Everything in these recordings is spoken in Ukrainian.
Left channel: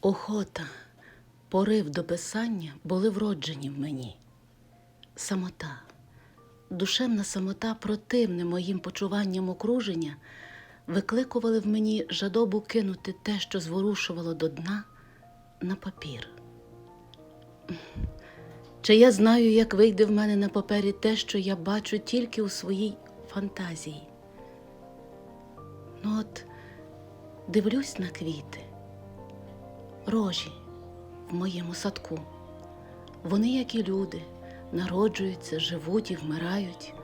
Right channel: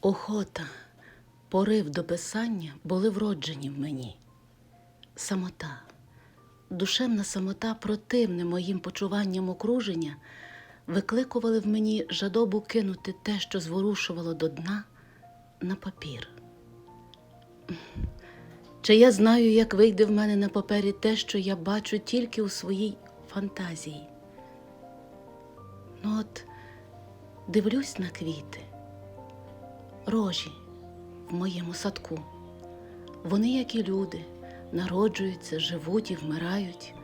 Охота, порив до писання були вроджені в мені. Самота, душевна самота, противне моїм почуванням окруження, викликували в мені жадобу кинути те, що зворушувало до дна, на папір. Чи я знаю, як вийде в мене на папері те, що я бачу тільки у своїй фантазії? Ну от дивлюсь на квіти рожі в моєму садку. Вони, як і люди, народжуються, живуть і вмирають,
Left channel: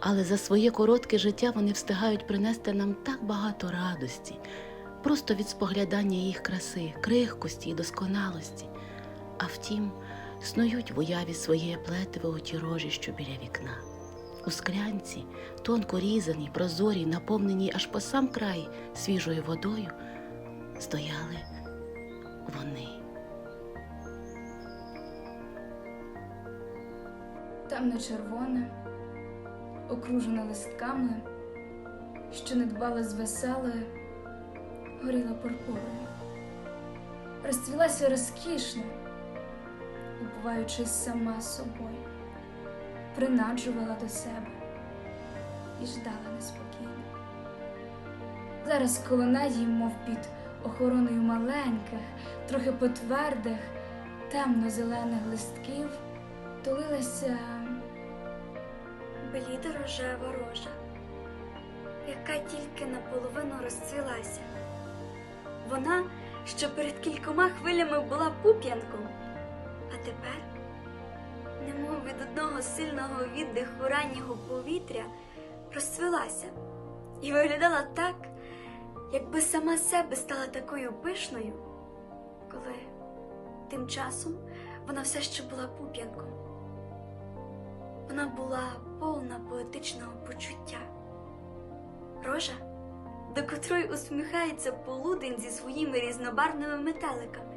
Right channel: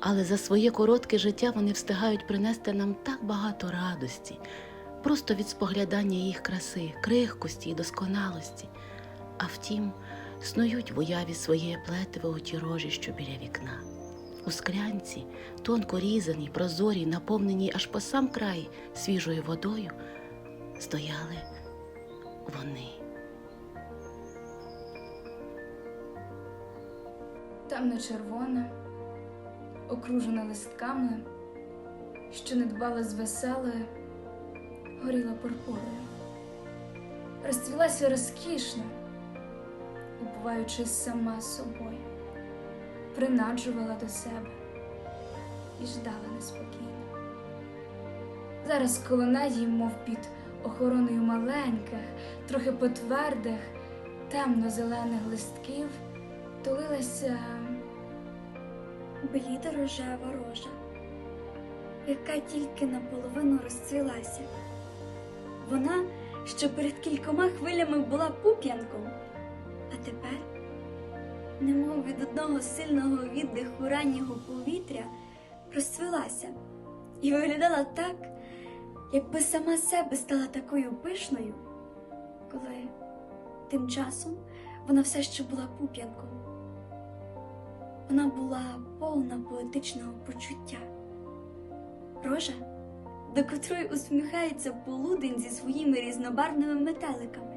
але за своє коротке життя вони встигають принести нам так багато радості, просто від споглядання їх краси, крихкості і досконалості. А втім, снують в уяві своє плетиве оті рожі, що біля вікна. У склянці, тонко різаній, прозорій, наповненій аж по сам край свіжою водою, стояли вони. темно-червоне, окружена листками, що не дбала звеселої, горіла пурпурою. Розцвілася розкішно, упиваючись сама собою, принаджувала до себе і ждала неспокійно. Зараз коло неї, мов під охороною маленьких, трохи потвердих, темно-зелених листків, тулилася бліда рожева рожа, яка тільки наполовину розцвілася. Вона, що перед кількома хвилями була пуп'янком, а тепер, немов від одного сильного віддиху раннього повітря, розцвілася і виглядала так, якби сама себе стала такою пишною, коли тим часом вона все ще була пуп'янком. Вона була повна поетичного почуття. Рожа, до котрої усміхається полудень зі своїми різнобарвними метеликами.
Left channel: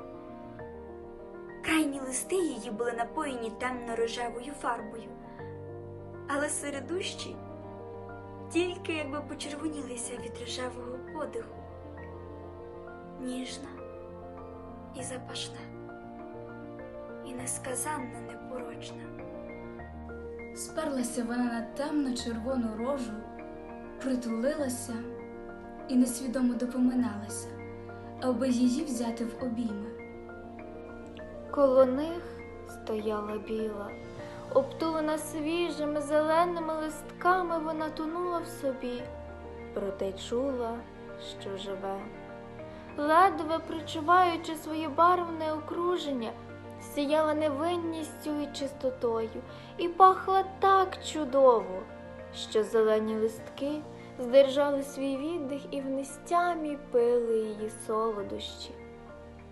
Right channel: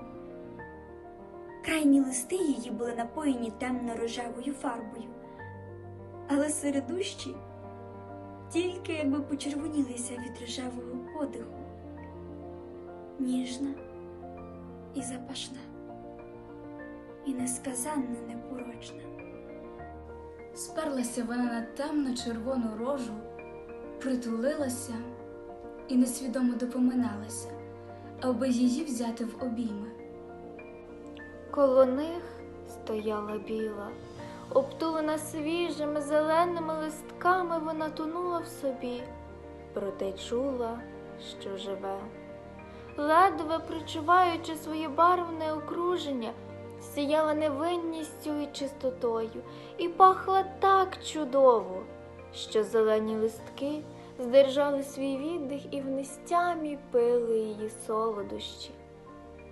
Крайні листи її були напоєні темно-рожевою фарбою, але середущі тільки якби почервонілися від рожевого подиху. Ніжна і запашна, і несказанно непорочна. Сперлася вона на темно-червону рожу, притулилася і несвідомо допоминалася, аби її взяти в обійми. Коло них стояла біла, обтулена свіжими зеленими листками, вона тонула в собі, проте чула, що живе. Ледве причуваючи своє барвне окруження, сіяла невинністю і чистотою, і пахла так чудово, що зелені листки здержали свій віддих і в нестямі пили її солодощі.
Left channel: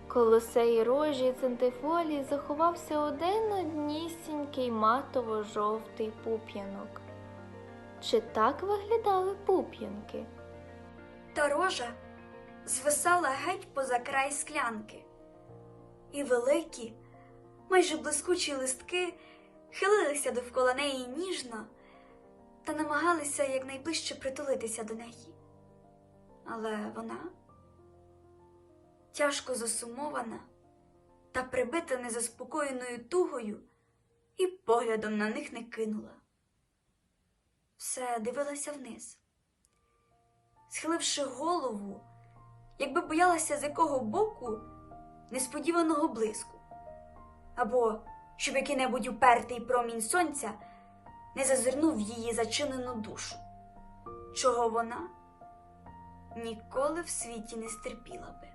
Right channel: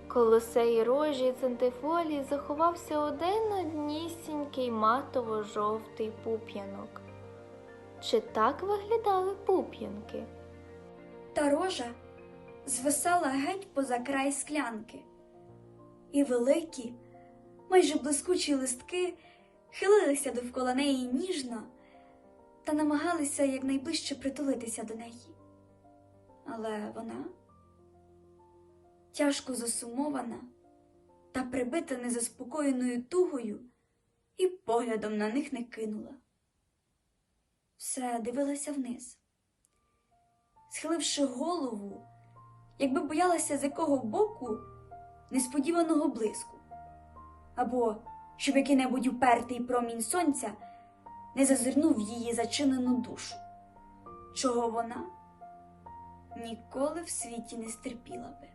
Коло сеї рожі центифолії заховався один однісінький матово-жовтий пуп'янок. Чи так виглядали пуп'янки? Та рожа звисала геть поза край склянки, і великі, майже блискучі листки хилилися довкола неї ніжно та намагалися якнайближче притулитися до неї. Але вона, тяжко засумована та прибита незаспокоєною тугою, і поглядом на них не кинула. Все дивилася вниз схиливши голову, якби боялася з якого боку несподіваного блиску, або щоб який-небудь упертий промінь сонця не зазирнув в її зачинену душу, чого вона ніколи в світі не стерпіла би.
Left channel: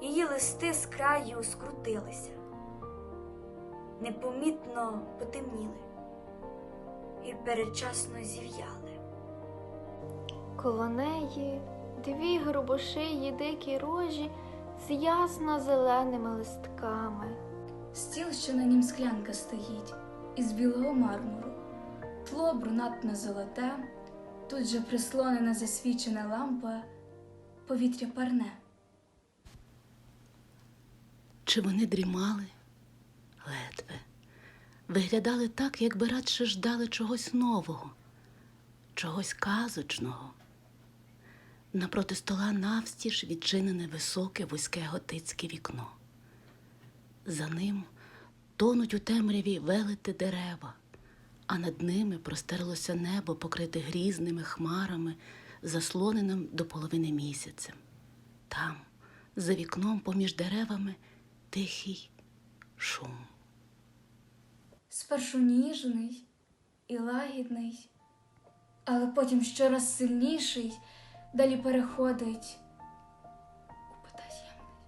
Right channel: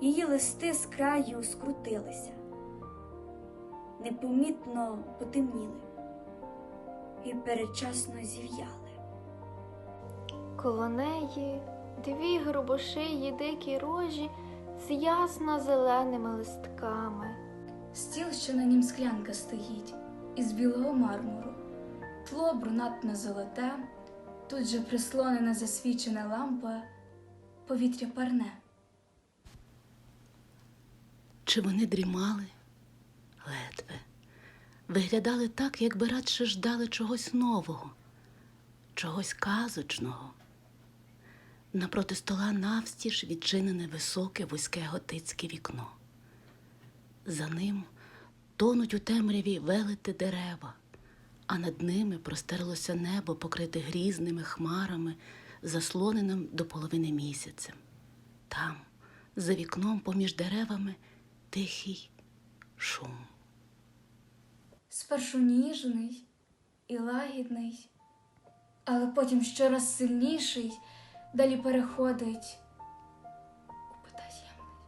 Її листи з краю скрутилися, непомітно потемніли і передчасно зів'яли. Коло неї дві грубошиї дикі рожі з ясно зеленими листками. Стіл, що на нім склянка стоїть, із білого мармуру, тло брунатно золоте, Тут же прислонена засвічена лампа, повітря парне. Чи вони дрімали? Ледве. Виглядали так, якби радше ждали чогось нового, чогось казочного. Напроти стола навстіж відчинене високе вузьке готицьке вікно. За ним тонуть у темряві велети дерева, а над ними простерлося небо, покрите грізними хмарами, заслоненим до половини місяцем. Там, за вікном поміж деревами, тихий шум. Спершу ніжний і лагідний, але потім щораз сильніший, далі переходить у потаємний,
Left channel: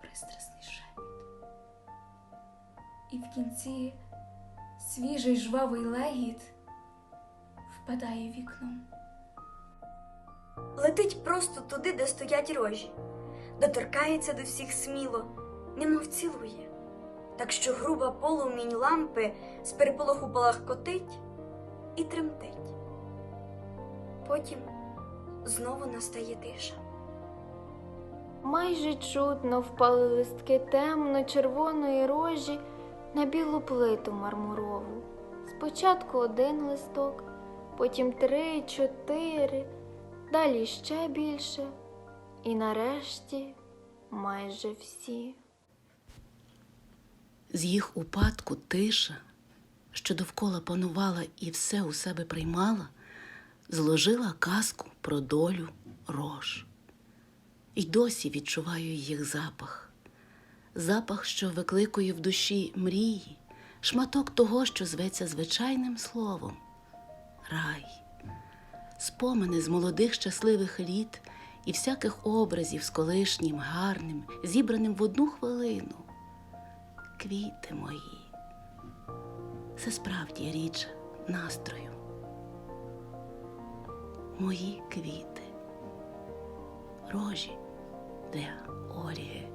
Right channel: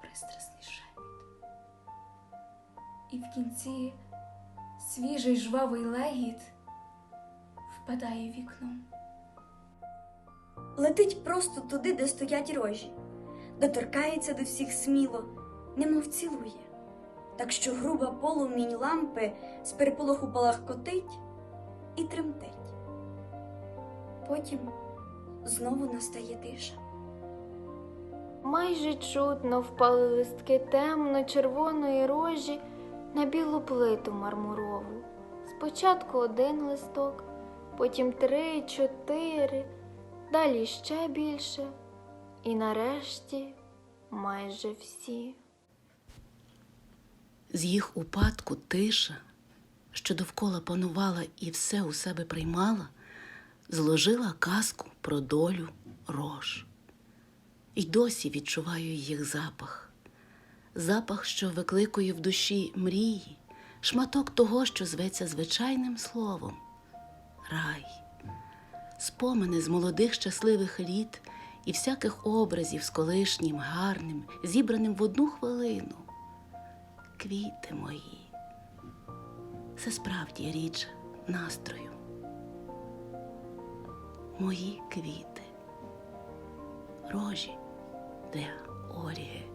пристрасний шепіт. І в кінці свіжий жвавий легіт впадає вікном. Летить просто туди, де стоять рожі, доторкається до всіх сміло, немов цілує. Так що груба полумінь лампи з переполоху палахкотить і тремтить. Потім знову настає тиша. Майже чутно впали листки темно-червоної рожі на білу плиту мармурову. Спочатку один листок, потім три, чотири, далі ще більше, і нарешті майже всі. З їх упадку тиша, що довкола панувала і все у себе приймала, зложила казку про долю рож. І досі відчуваю їх запах, запах, що викликує в душі мрії, шматок того, що зветься звичайним словом рай, спомини з молодих щасливих літ і всяких образів з колишнім, гарним, зібраним в одну хвилину квіти мої. Це справді річ настрою. Мої квіти, рожі для Орії.